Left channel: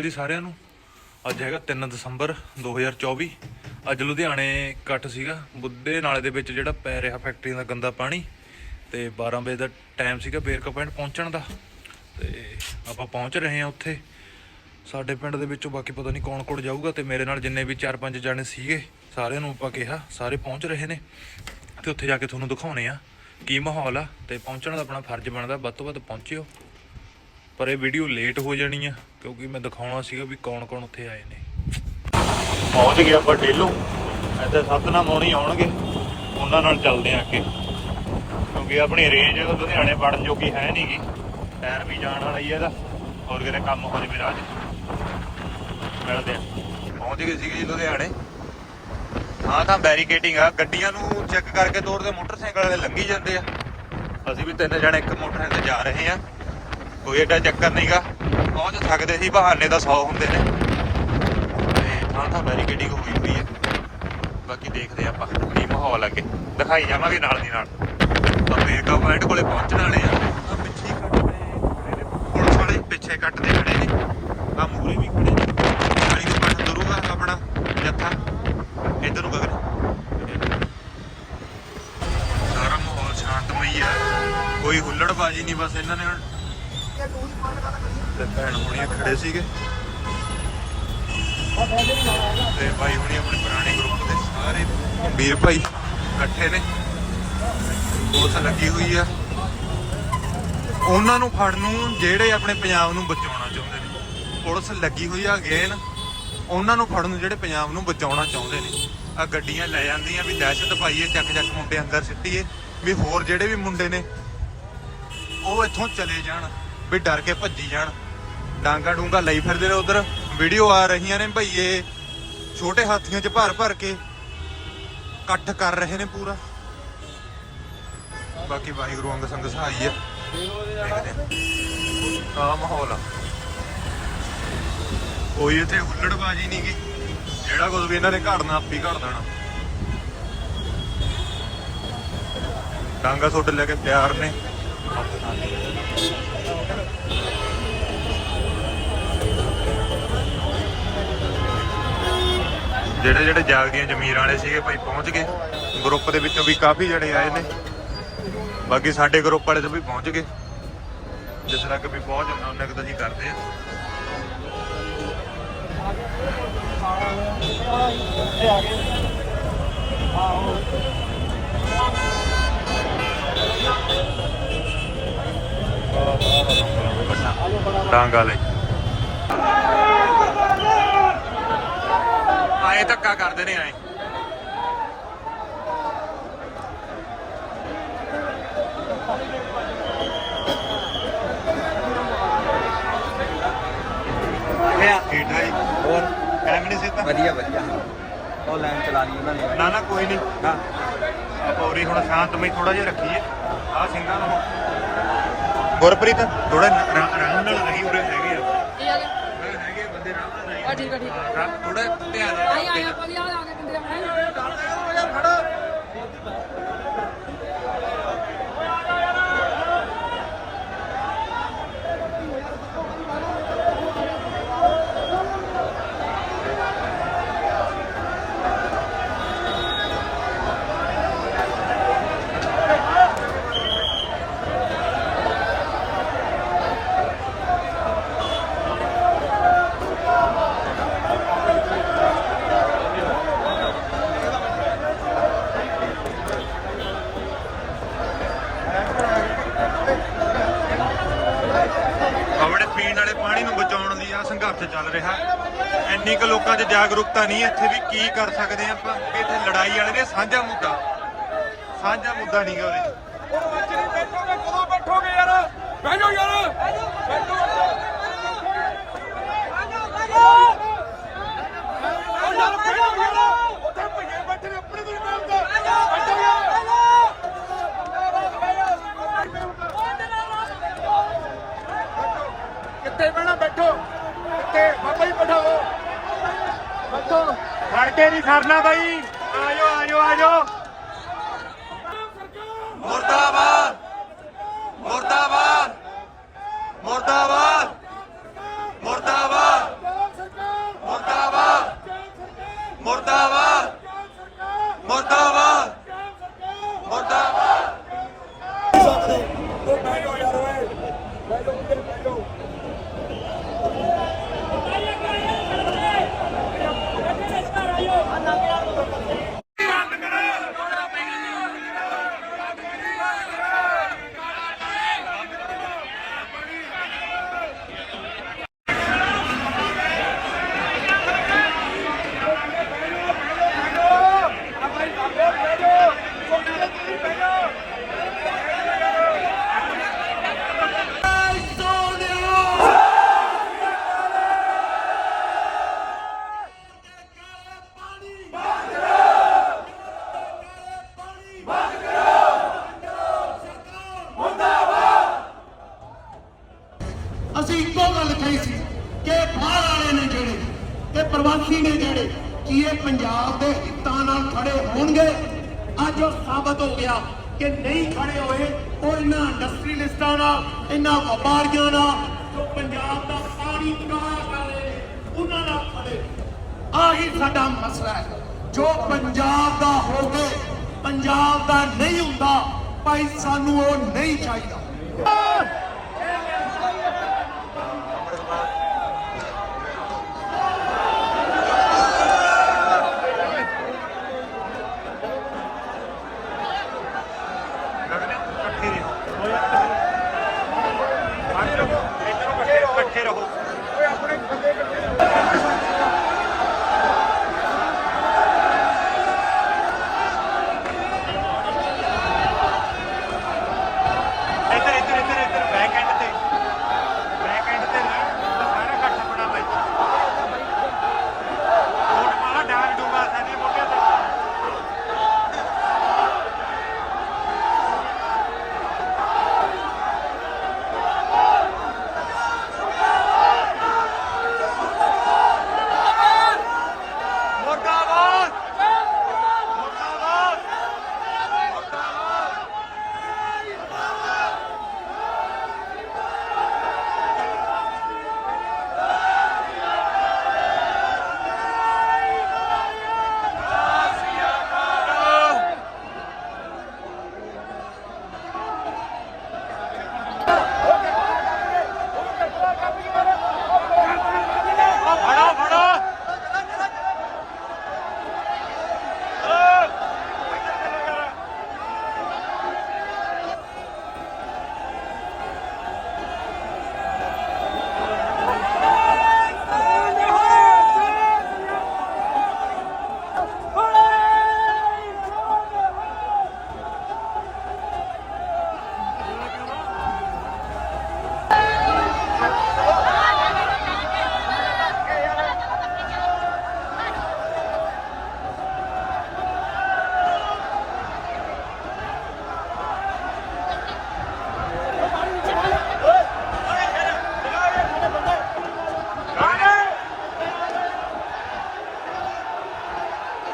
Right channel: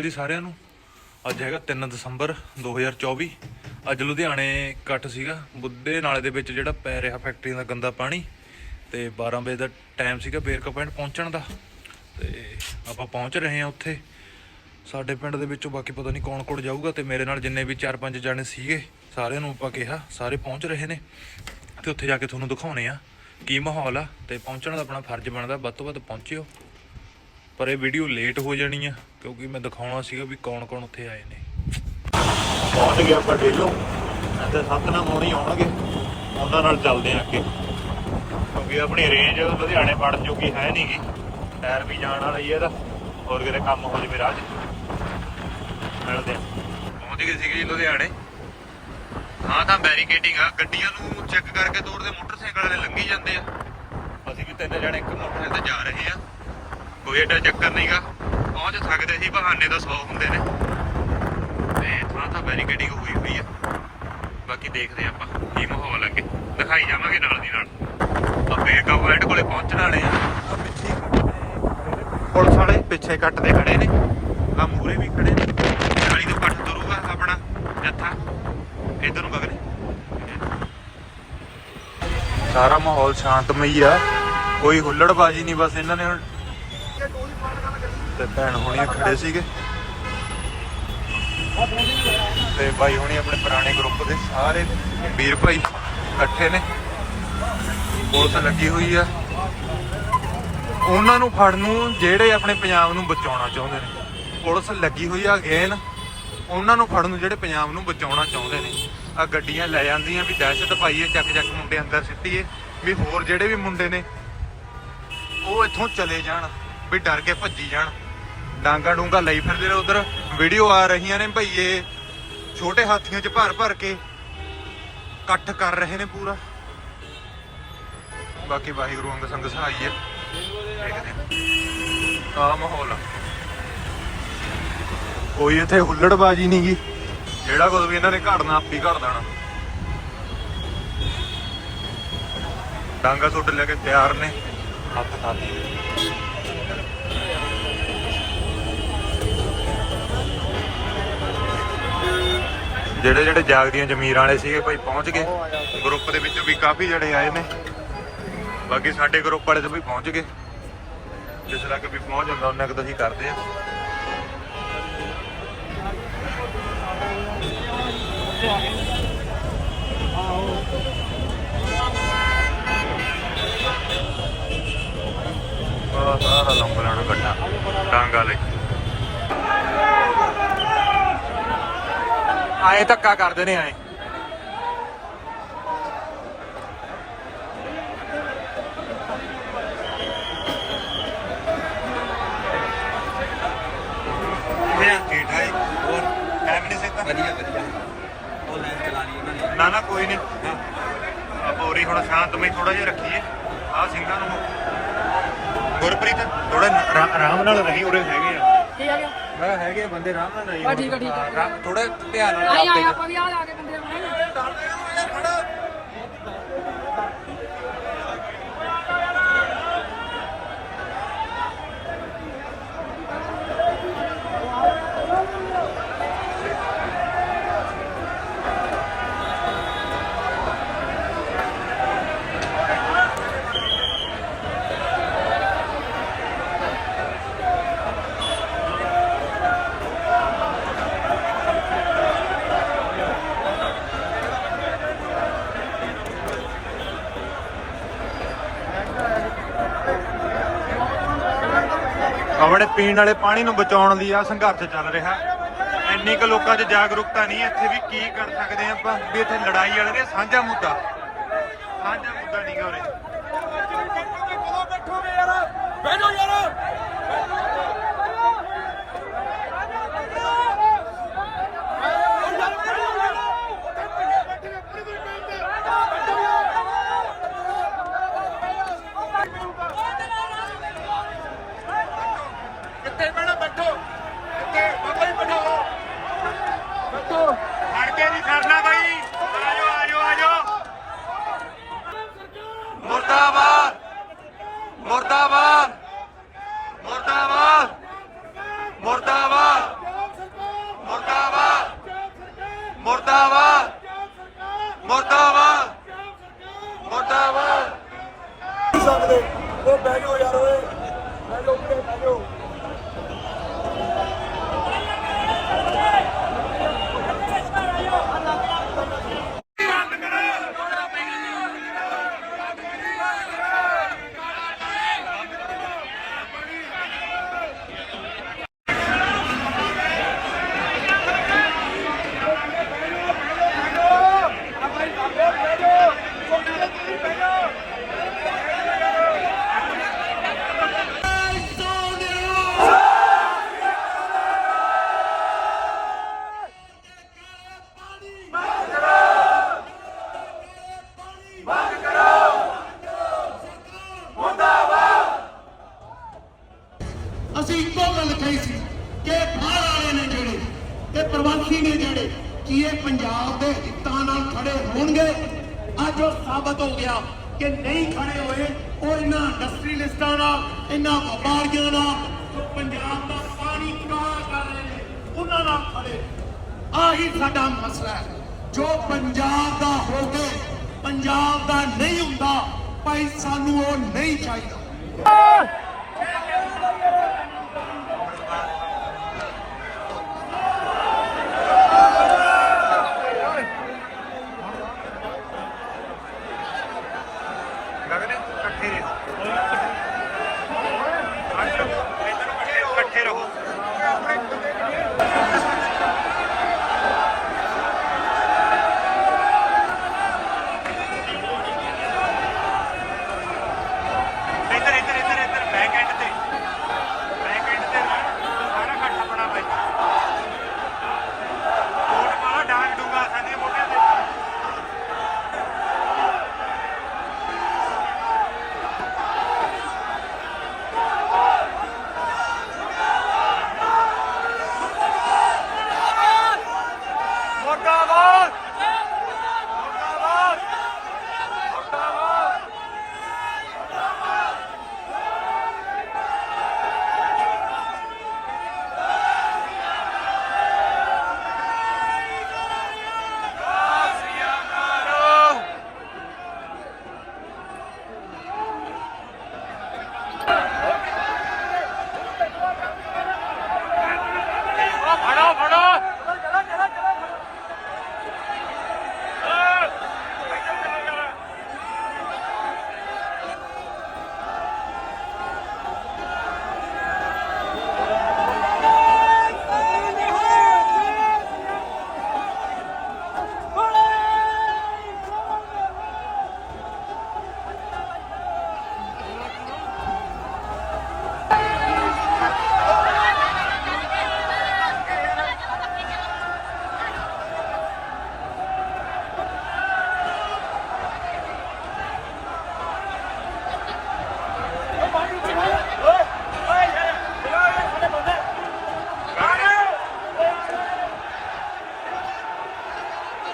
ਅਕਾਲ ਜੀ ਸਾਰਿਆਂ ਨੂੰ। ਅੱਜ ਹੈਗਾ 3 ਦਸੰਬਰ 2024 ਅੱਜ ਲੁਧਿਆਣੇ ਇਕੱਠ ਸੀਗਾ। ਬੁੱਧੇ ਨਾਲੇ ਦੇ ਵਿੱਚ ਜਿਹੜਾ ਪੈ ਰਿਹਾ ਫੈਕਟਰੀ ਦਾ ਗੰਦਾ ਪਾਣੀ, ਤੇ 12 ਵਜੇ ਦਾ ਟਾਈਮ ਸੀਗਾ ਬੇਰਕਾ ਪਿੰਡ ਪਹੁੰਚਣ ਦਾ। ਤੇ ਆਪਾਂ ਪਹੁੰਚ ਰਹੇ ਹਾਂ ਉੱਥੇ। ਸਾਡੇ ਪਿੰਡ ਦੇ ਵਿੱਚੋਂ ਬਾਕੀ ਪਤਾ ਨਹੀਂ ਕੌਣ ਕੌਣ ਜਾਊਗਾ, ਤੇ ਮੇਰੇ ਨਾਲ ਜਿੰਨੇ ਵੀ 4-5 ਜਾਣੇ ਸੀਗੇ, ਸਾਰਿਆਂ ਨੂੰ ਆਪਾਂ ਕਿਹਾ, ਸਾਰੇ ਪਹੁੰਚ ਰਹੇ ਨੇ। ਤੇ ਉੱਥੇ ਜਾ ਕੇ ਤੁਹਾਨੂੰ ਦਿਖਾਉਣੇ ਆ ਕੀ ਮਾਹੌਲ ਆ, ਤੇ ਪਹੁੰਚਣ ਦਾ ਆਪਣਾ ਫਰਜ਼ ਬਣਦਾ, ਵੱਧ ਤੋਂ ਵੱਧ ਪਹੁੰਚਿਓ। ਪਰ ਇਹ ਵੀਡੀਓ ਲੇਟ ਹੋ ਜਾਣੀ ਆ, ਕਿਉਂਕਿ ਮੈਂ ਦਿਖਾਉਣਾ ਸੀਗਾ ਵੀ ਕੌਣ ਕੌਣ ਉੱਥੇ ਆਏ ਨੇ। ਪਹੁੰਚ ਗਏ ਆਪਾਂ ਡੇਲੋ ਇੱਥੇ ਸਤਨਾਮ ਹੋਣੀ ਆਉਣਗੇ, ਉਹਨਾਂ ਨਾਲ ਚੱਲਦੇ ਆਂ ਅੱਗੇ। ਕਿਉਂਕਿ ਆਪਣੀ ਰੇਂਜ ਲੁਧਿਆਣੇ ਵੜਨ ਜੋਗੀ ਹੈ ਨਹੀਂਗੀ ਟਾਇਰ ਵੀ ਜਾਣ ਵਾਲਾ ਹੀ ਇਹਦਾ। ਹੋਰ ਕਿਤੇ ਕੰਮ ਹੋ ਜਵੇ ਰਾਹ ਮਿਲਦੇ ਆ। ਪਹੁੰਚ ਗਏ ਸੀਗੇ ਜੀ ਲੁਧਿਆਣੇ। ਹਾਂ, ਤਾਂ ਬੈਰੀਕੇਡਿੰਗ ਆ। ਗੱਡੀਆਂ ਨੂੰ ਚੈੱਕ ਕਰਕੇ ਤੋੜਦੇ, ਮੋਟਰਸਾਈਕਲ ਵਾਲੇ ਲੰਘੀ ਜਾਂਦੇ ਆ। ਅਸੀਂ ਵੀ ਤਿੰਨ ਜਣੇ ਇੱਕ ਮੋਟਰਸਾਈਕਲ ਤੇ ਜਾ ਰਹੇ ਆ। ਕੋਈ ਏਡਾ ਚੱਕਰ ਨਹੀਂਗਾ ਪਹੁੰਚ ਸਕਦੇ ਸੀ, ਬਹਾਨੇ ਦਾ 100 ਹੁੰਦੇ ਨੇ। ਤੇ ਥਾਂ ਬੈਰੀਕੇਡਿੰਗ ਹੋਈ ਹੋਈ ਹੈ ਬਾਕੀ ਦੇਖਦੇ ਆਪਾਂ ਕੀ ਮਾਹੌਲ ਅੱਗੇ। ਦਿਖਾਈ ਜਾਵਾਂਗੇ ਨਾਲ ਦੀ ਨਾਲ। ਤਾਂ ਬੇਕਾ ਪੁਆਇੰਟ ਕੋਲੇ ਪਹੁੰਚਣ ਵਾਲੇ ਪਿੱਛੇ ਪੁਲਿਸ ਵਾਲੇ ਪਿੱਛੇ ਕੱਟਦੇ ਖੜੇ ਨੇ। ਆ ਮੂਰੇ ਵੀ ਖੜੇ ਨੇ। ਗਾੜੀ ਦੇ ਪੱਟ ਤੁਰੂਗਾ ਆਪਣਾ ਜੱਥਾ। ਇਧਰ ਨੂੰ ਗਗਨ। ਸਾਰਾ ਮਾਹੌਲ ਸ਼ਾਂਤਮਈ ਆ। ਕੋਈ ਹੁੱਲੜਬਾਜੀ ਨਹੀਂ, ਬਸ ਇਹਨਾਂ ਨੇ ਤੇ ਭੈਣ ਹੋਣੀ ਖੜੇ ਸੀਗੇ। ਤੇ ਭਾਈ ਹੋਣੀ ਆਪਣੇ ਪੁਰਾਣੇ ਗਰੁੱਪ ਦੇ ਸਾਰੇ ਵੀਰ ਭਾਈ ਇਕੱਠੇ ਨੇ। ਪੁਲਿਸ ਲੱਗੀ ਹੋਈ ਆ। ਉਹਨਾਂ ਨੂੰ ਫੜਨ ਨੂੰ ਜਿਹੜੇ ਆਪਣੇ ਪੰਜਾਬ ਨੂੰ ਬਚਾਉਣਾ ਚਾਹੁੰਦੇ ਨੇ। ਪੁਲਿਸ ਲੱਗੀ ਹੋਈ ਆ ਅਗੇਨ ਉਹਨਾਂ ਨੂੰ ਫੜਨ ਨੂੰ ਜਿਹੜੇ ਪੰਜਾਬ ਨੂੰ ਬਚਾਉਣਾ ਚਾਹੁੰਦੇ ਨੇ। ਆ ਗੱਡੀਆਂ ਲੈ ਜਾਂਦੀਆਂ ਵੀ ਦਹਿਸ਼ਤ ਪਾਈਏ, ਚੱਕ ਚੱਕ ਮੁੰਡੇ ਅੰਦਰ ਸਿੱਟੀਏ, ਵੀ ਹੋਰ ਜਿਹੜੇ ਵੀ ਮੁੰਡੇ ਨੇ, ਉਹ ਇੱਥੋਂ ਚਲੇ ਜਾਣ। ਵੀ ਡਰ ਕੇ ਭੱਜੀ ਜਾਣ। ਡਾਂਗਾ ਡੂੰਗਾ ਲਈ ਫਿਰਦੇ ਨੇ ਉਧਰ। ਵੀਡੀਓ ਆ ਰਹੀਆਂ ਨੇ ਭਈਏ ਛੋਟੇ ਹਾਥੀਆਂ 'ਚ ਭਰ ਭਰ ਕੇ ਇਕੱਠ ਕਰ ਰਹੇ ਨੇ ਪੂਰਾ। ਬਾਕੀ ਵਾਹਿਗੁਰੂ ਅੰਗ ਸੰਗ ਸਹਾਈ ਹੈ ਦੇਖਦੇ ਆ ਆ ਮਾਹੌਲ ਆ। ਕੋਈ ਇੱਥੇ ਹੁੱਲੜਬਾਜੀ ਨਹੀਂ ਗੀ। ਜਿਹੜਾ ਕੁਝ ਵੀ ਇਹਨਾਂ ਨੇ ਘੜਨਾ, ਆਪੀ ਘੜ ਦੇਣਾ ਡਾਂਗਾ ਸੁੱਟ ਲੈ ਕੇ ਤਿਆਰ ਨੇ। ਹੱਥ ਨਾਲ। ਜਿਹੜੇ ਜਿਹੜੇ ਜਾਗਦੀਆਂ ਜ਼ਮੀਰ ਵਾਲੇ ਸੀਗੇ ਭਾਈ ਪਹੁੰਚ ਗਏ। ਗਰੁੱਪ ਦੇ ਵਿੱਚੋਂ ਵੀ ਕਾਫੀ ਜਿਹੜੇ ਆਏ ਨੇ। ਬਾਕੀ ਸਾਡੇ ਗਰੁੱਪ ਵਾਲੇ ਤੋਂ ਵੀ ਪਹੁੰਚ ਗਏ। ਜਿਸ ਤੱਕ ਵੀ ਪਹੁੰਚ ਜਾਂਦਾ ਉਹਨਾਂ ਕੁ ਤਾਂ ਅਸੀਂ ਕਰਦੇ ਆ ਸਾਰਾ ਸਾਰਾ ਲੰਬਾ ਨੂੰ ਕੱਟਾ ਡਾਂਗ ਵਾਲੇ ਆਏ ਧੱਕਾ ਕਰਦੇ ਨੇ ਆਏ। ਵਧੀਆ ਵਧੀਆ। ਉਹਨਾਂ ਨੇ। ਨਾ ਨਾ ਕੋਈ ਨਹੀਂ ਹਾਂ। ਆਪਾਂ ਉਰੀ ਹੁਣ ਸ਼ਾਂਤਮਈ ਥੋੜਾ ਜਿਹਾ ਰੱਖੀਏ। ਆ ਸਿੰਘਾਂ ਨੂੰ। ਗੁਰਪ੍ਰੀਤ? ਥੋੜਾ ਆਰਾਮ ਨਾਲ ਰਹੀ ਉਰੇ ਹੈਗੇ ਆ। ਠੀਕ ਆ ਗਿਆ? ਮੈਂ ਕਿਹਾ ਹੈਗੇ ਆ। ਬੰਦੇ ਆਰਾਮ ਨਾਲ ਰਹੀ ਉਹ ਠੀਕ ਆ, ਠੀਕ ਆ। ਥੋੜਾ ਧਿਆਨ ਨਾਲ ਆਈ ਆਈ ਆਪਾਂ ਵੀ ਆ ਆ ਕੇ ਬੰਦੇ ਆਉਣੇ ਆਪਣੇ ਪੀਣ ਵਾਲੇ ਪਾਣੀ ਨੂੰ ਬਚਾਉਣ ਲਈ ਆ ਸੰਘਰਸ਼ ਚੱਲ ਰਿਹਾ। ਇੰਨੀ ਕੁ ਲੋਕਾਂ 'ਚ ਜਾਗਰੂਕਤਾ ਨਹੀਂ, ਇੱਥੇ ਵੀ ਕੀ ਕਰ ਸਕਦੇ ਆ ਆਪਾਂ? ਵੀ ਇੱਥੇ ਲੜਾਈ ਵਾਲੇ ਨੇ ਸਾਂਝਾ ਮੁੱਦਾ। ਸਾਂਝਾ ਮੁੱਦਾ ਨਹੀਂ ਗਾ ਉਰੇ। ਕਦੋਂ ਯਾਰ ਬੈਠੋ ਯਾਰ ਕਿੱਥੇ ਬੈਠੋ ਬੈਠੋ ਕਿੱਥੇ ਬਾਬਾ ਜੀ ਬਿਠਾਓ ਬੈਠੋ। ਫੜ ਕੇ ਨਹੀਂ ਖੜਨਾ ਬਾਈ। ਆਜੋ ਆਜੋ ਆਜੋ। ਮੁਰਦਾਬਾਦ। ਮੁਰਦਾਬਾਦ। ਮੁਰਦਾਬਾਦ। ਮੁਰਦਾਬਾਦ। ਮੁਰਦਾਬਾਦ। ਮੁਰਦਾਬਾਦ। ਮੁਰਦਾਬਾਦ। ਮੁਰਦਾਬਾਦ। ਸਕਦੇ ਉਹ ਬਹਿ ਯਾਰ ਓਏ। ਬਹਿ ਉੱਤੇ ਬਹਿ ਜਾਓ ਅਸੀਂ ਇੱਕੋ ਗੱਲ ਕਹੀ ਸੀ ਕਿ ਬਾਹਰ ਵਾਲੇ ਨੇ ਜਿਹੜੇ ਤੇ ਪ੍ਰਵਾਸੀ ਨੇ ਜਿਹੜੇ ਕੀ ਇਹ ਪੰਜਾਬ ਦੇ ਹਿੱਤਾਂ ਨਾਲ ਖੜੇ ਹੋਣਗੇ ਅੱਜ ਉਹ ਸਾਬਤ ਹੋ ਗਿਆ ਕਿ ਨਹੀਂ ਖੜੇ ਹੋਏ ਉਹ ਇਹਨਾਂ ਇੰਡਸਟਰੀਲਿਸਟਾਂ ਨਾਲ ਇਹਨਾਂ ਵਪਾਰੀਆਂ ਨਾਲ ਜੋ ਪੰਜਾਬ ਦਾ ਪਾਣੀ ਕਾਲਾ ਕਰ ਰਹੇ ਨੇ, ਉਹਨਾਂ ਨਾਲ ਖੜੇ। ਆਹੀ ਸਾਡਾ ਮਸਲਾ ਹੈ। ਜੋ ਪੰਜਾਬ ਦਾ ਹੋ ਕੇ ਪੰਜਾਬ ਦਾ ਨਹੀਂ ਹੁੰਦਾ, ਭਾਈ ਸਾਨੂੰ ਉਹ ਨਹੀਂ ਚਾਹੀਦਾ।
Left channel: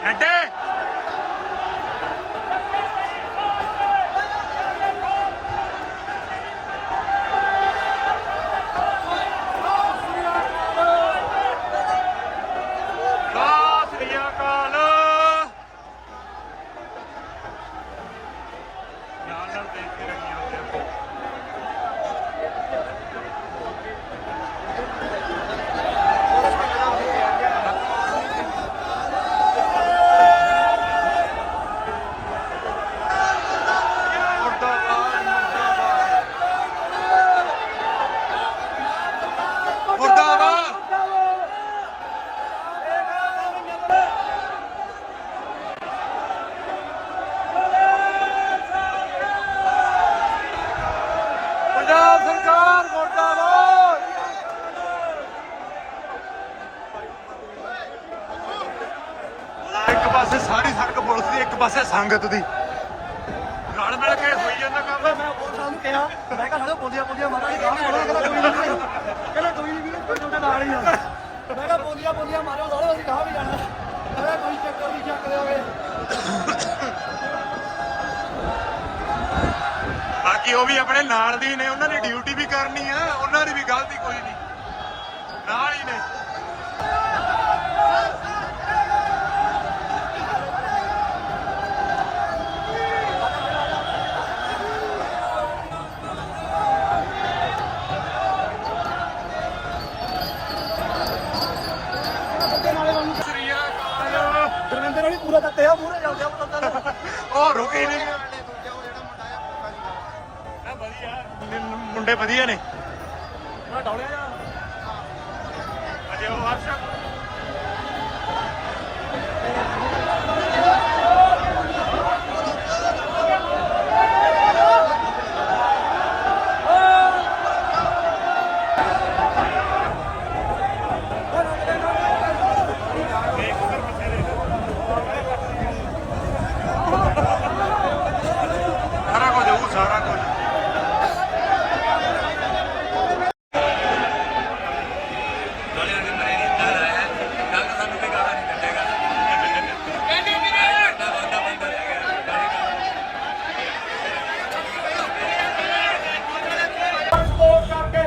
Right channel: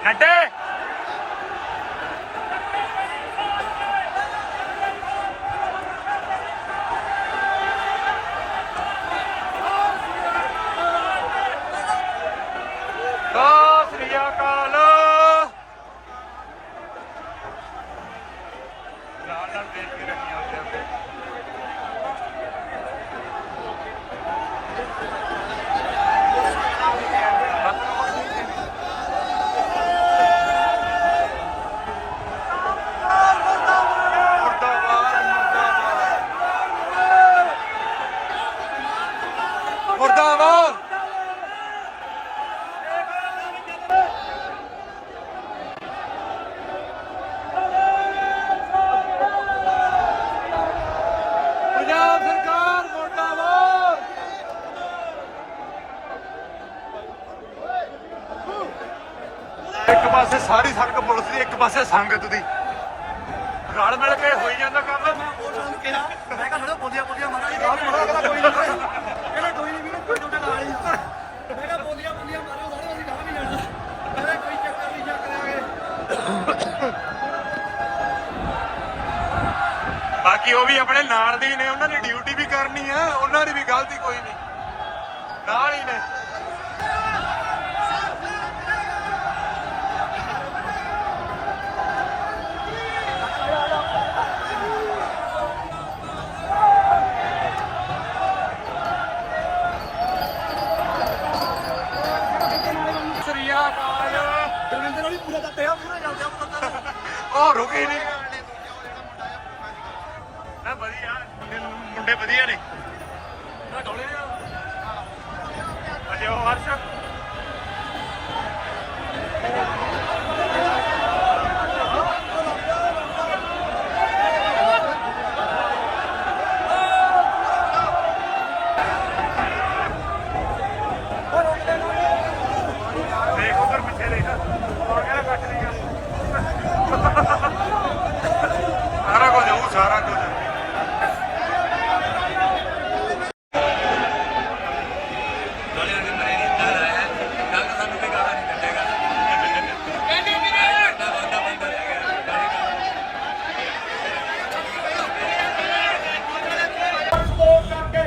நட்டு ਇੱਕ ਪਾਸੇ ਸਾਰੀ ਸੜਕ ਪੁਲਿਸ ਦੀ ਇੱਕ ਪਾਸੇ ਸੰਗਤ ਦੀ। ਰਲ ਮਿਲ ਕੇ ਹੋਈ ਜਾਂਦਾ ਕੰਮ। ਮੈਂ ਕਿਹਾ ਹੜੋ ਬੋਲੀਆਂ ਬੋਲੀਆਂ ਮਾਰਾਂਗੇ ਗਾਲ ਮਾਰੋ ਕਹਿੰਦਾ ਕੋਈ ਨਹੀਂ ਕਹਿੰਦਾ ਕੋਈ ਨਹੀਂ ਵੀਰੇ ਕੋਈ ਤੁਹਾਡੇ ਨਾਲ ਹੀ ਆ। ਮੈਂ ਕਿਹਾ ਬੋਲੀਆਂ ਬੋਲੀਆਂ ਮਾਰੋ ਸਾਲੋ ਅਸੀਂ ਗਾਹ ਵੀ ਜਾਣਾ। ਕਹਿੰਦਾ ਕੋਈ ਚੱਕਰ ਨਹੀਂ ਚੱਕ ਲਿਆਗੇ ਬਾਕੀ ਉਹ ਵੀ ਆਪਣੇ ਨਾਲ ਦੇ ਨੇ ਉਹਨਾਂ ਨੇ ਡਿਊਟੀ ਵੀ ਕਰਨੀ ਆ ਉਹਨਾਂ ਦੀ ਵੀ ਗਲਤੀ ਕੋਈ ਨਹੀਂ ਨਾਲ ਹੀ ਨੇ। ਮੈਂ ਡੋਲਿਆ ਨਾ ਅਜੇ ਉਹ ਹਰਸ਼ ਦੇਖ ਉਧਰ ਪਿੱਛੇ ਦੇਖ ਉਹ ਕਿਹੜਾ ਕੱਟ ਰਹੀ ਆ ਸਾਰਾ ਕੁਝ ਉਹ ਸਾਰਾ ਕੁਝ ਸਪੋਰਟ ਕਰਕੇ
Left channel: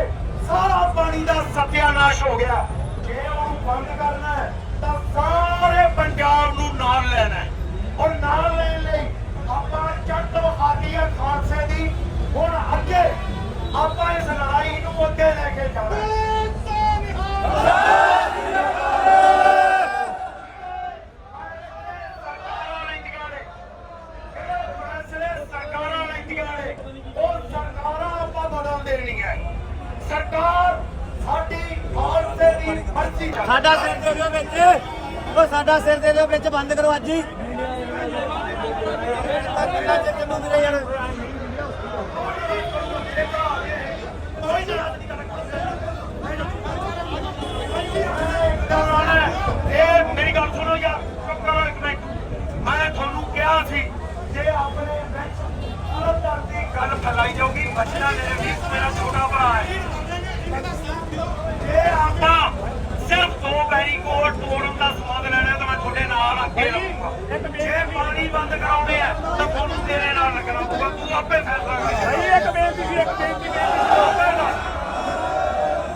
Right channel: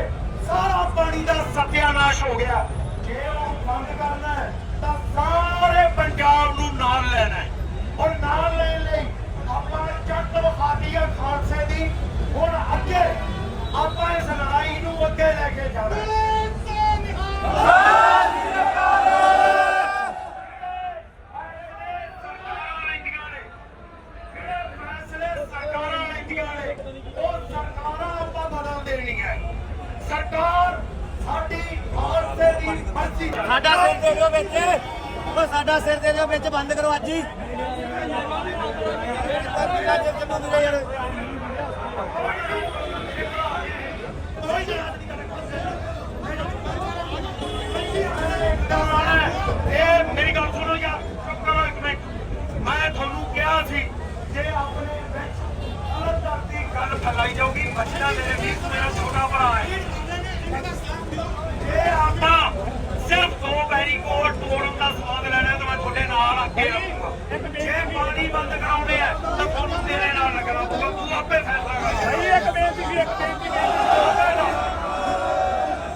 ਸਾਰਾ ਪਾਣੀ ਦਾ ਸਤਿਆਨਾਸ਼ ਹੋ ਗਿਆ ਜੇ ਉਹ ਬੰਦ ਕਰਨਾ ਹੈ ਤਾਂ ਸਾਰੇ ਪੰਜਾਬ ਨੂੰ ਨਾਲ ਲੈਣਾ ਹੈ ਔਰ ਨਾਲ ਲੈਣ ਲਈ ਆਪਾਂ ਚੱਟੋ ਸਾਡੀਆਂ ਖਾਲਸੇ ਦੀ ਹੁਣ ਅੱਗੇ ਆਪਾਂ ਇਸ ਲੜਾਈ ਨੂੰ ਅੱਗੇ ਲੈ ਕੇ ਜਾਣਾ। ਸਰਕਾਰਾਂ ਲੈਂਦੀਆਂ ਨੇ। ਉਹ ਸਰਕਾਰਾਂ ਆਪਾਂ ਬਦਲ ਦੇਣੀਆਂ। ਸਰਕਾਰ ਸਾਡੀ ਭਾਰਤ ਦੀ ਮਰਜ਼ੀ ਸਾਡਾ ਸਿਰ ਦੇ ਦਿਓ ਵਿੱਚ। ਉਹ ਸਾਡਾ ਸਿਰ ਦੇ ਦਿਓ ਵਿੱਚ। ਬੰਦ ਕਰੋ ਅੱਜ ਹੀ। ਕਿੰਨਾ ਚਿਰ ਚੱਲੂ ਵੀਰੇ ਯਾਰ ਕੋਈ ਨਹੀਂ ਇਹ ਮੇਰੀ ਗੱਲ ਸੁਣੋ ਯਾਰ ਚੁੱਪ ਕਰੋ ਇੱਕ ਮਿੰਟ ਮੈਂ ਤੁਹਾਨੂੰ ਕਿਹਾ ਸੀ ਜੇ ਆਪਣੇ ਵਿੱਚ ਅਲੱਗ ਧਰਤੀ ਗੱਲ ਫੈਲਾਈ ਜਾਊਗੀ ਬੱਚਾ ਮੇਰੇ ਵੀ ਮੇਰਾ ਛੋਟਾ ਭਰਾ ਹੈ ਜੇ ਆਪਾਂ ਸਿਰਫ ਦੋ ਬੈਰੀਕੋਡ ਤੋੜਨ ਦਾ ਸਵਾਦ ਲੈਣਾ ਤਾਂ ਮੈਂ ਤੁਹਾਡੇ ਨਾਲ ਅੱਗੇ ਰਹੂੰਗਾ ਜੇ ਪਾਣੀ ਬੰਦ ਕਰਾਉਣੇ ਆ ਤਾਂ ਤੁਹਾਨੂੰ ਤੇਰੇ ਨਾਲ ਲੱਗਣਾ ਪਊਗਾ ਤੂੰ ਆਪੇ ਫੈਸਲਾ ਕਰ ਸਹੀ ਇੱਕ ਬੇਨਤੀ ਸੀ ਇੱਕ ਬੇਨਤੀ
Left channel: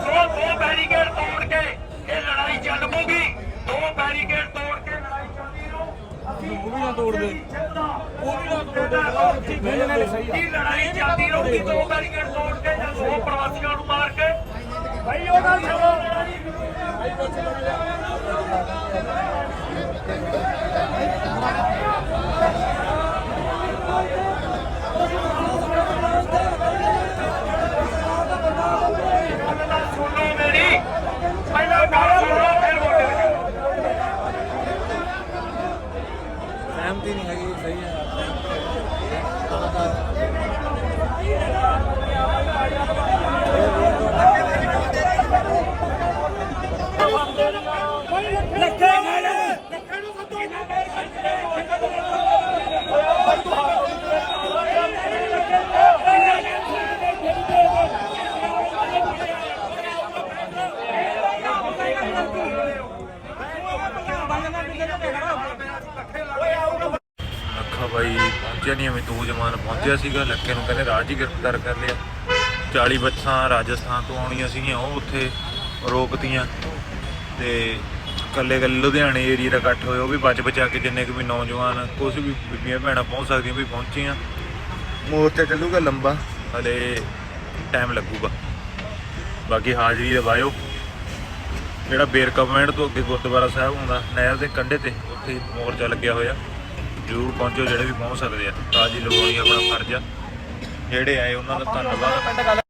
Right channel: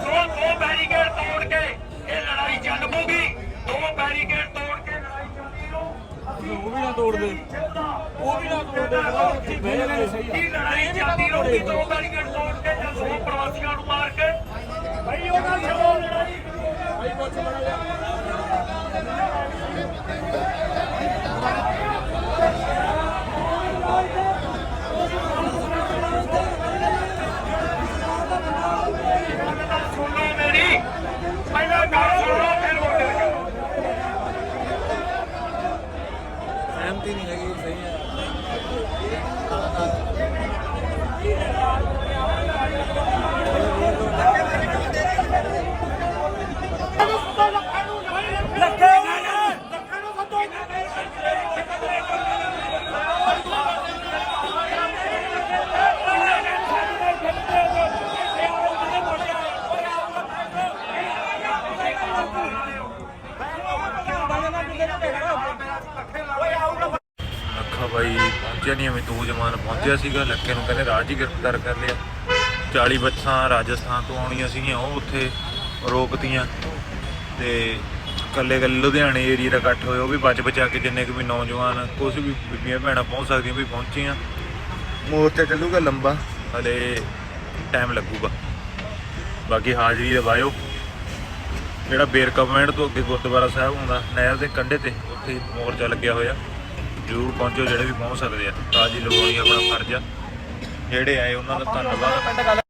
ਦੋ ਦੋ ਬੈਰੀਕੇਡ ਤੋੜ ਕੇ ਇਹ ਲੜਾਈ ਚੱਲ ਪਊਗੀ ਦੋ ਬੈਰੀਕੇਡ ਤੋੜ ਕੇ ਲੜਾਈ ਚੱਲਦੀ ਨੂੰ ਅਸੀਂ ਉਹ ਵੀ ਨਾ ਤੋੜ ਦੇ ਉਹ ਵੀ ਨਾ ਤੋੜ ਦੇ ਕੀ ਲੜਾਈ ਚੱਲਦੀ ਰਹੂਗੀ ਦੋ ਬੈਰੀਕੇਡ ਤੋੜ ਕੇ ਜਾਂ ਸੌ ਪ੍ਰਵਾਸੀਆਂ ਨੂੰ ਮਾਰ ਕੇ। ਭਾਈ ਉਹਦਾ ਜਵਾਬ ਲੜਾਈ ਗੱਲ ਤਾਂ ਸੁਣੋ ਮੇਰੀ ਪਹਿਲਾਂ ਗੱਲ ਸੁਣੋ ਫਿਰ ਵੋਟਰ ਸਹਿਮਤੀ ਨਹੀਂ ਹੈਗੀ ਸਹੀ ਹੈ ਲੱਖਾ ਬਾਈ ਪਹੁੰਚਿਆ ਨਹੀਂ ਐਵੇਂ ਦੋ ਜਵਾਨ ਪਹੁੰਚਿਆ ਸੀਗਾ, ਲੱਕੇ ਨੂੰ ਕਹਿੰਦੇ ਰਾਜ ਹੀ ਗ੍ਰਿਫਤਾਰ ਕਰ ਲਿਆ। 40 ਬੱਸਾਂ ਰਾਜਸਥਾਨ ਤੋਂ ਆਉਣੀਆਂ ਸੀਗੀਆਂ, ਉਹ ਉੱਥੇ ਰੋਕਤੀਆਂ। ਤੇ ਕੱਲੇ ਕੱਲੇ ਲੁਧਿਆਣੇ ਏਰੀਆ ਦਾ ਇਕੱਠ ਹੋਇਆ ਉਹ ਵੀ ਬਚ ਬਚਾ ਕੇ ਜਿੰਨੇ ਕੁ ਵੀ ਨੌਜਵਾਨ ਕੁਝ ਵੀ ਬੀਬੀਆਂ ਭੈਣਾਂ ਪਹੁੰਚ ਸਕਦੀਆਂ ਵੀ ਪਹੁੰਚੀਆਂ। ਮੋਰਚਾ ਚੱਲੂਗਾ ਲੰਬਾ? ਹਲੇ ਟਾਈਮ ਲੱਗੂਗਾ। ਬਾਕੀ ਹਾਜ਼ਰੀ ਲਵਾਇਓ ਜਿਹੜਾ ਬੇਰਕਾ ਪੁਆਇੰਟ ਤੋਂ ਅੱਗੇ ਗੁਰਦੁਆਰਾ ਸਾਹਿਬ ਹੁੰਦਾ ਨਹਿਰ ਦੇ ਕੰਢੇ ਤੇ ਉੱਥੇ ਮੋਰਚਾ ਲੱਗਿਆ ਹੋਇਆ। ਜ਼ਰੂਰ ਪਹੁੰਚੋ ਜਿਹੜੇ ਵੀ ਪਹੁੰਚ ਸਕਦੇ ਆ। ਤਾਜੀ ਲਗਾਉਣੀ ਆਪਣਾ ਫਰਜ਼ ਆ। ਜਿਹੜੇ ਆਏ ਉਹਨਾਂ ਦਾ ਧੰਨਵਾਦ।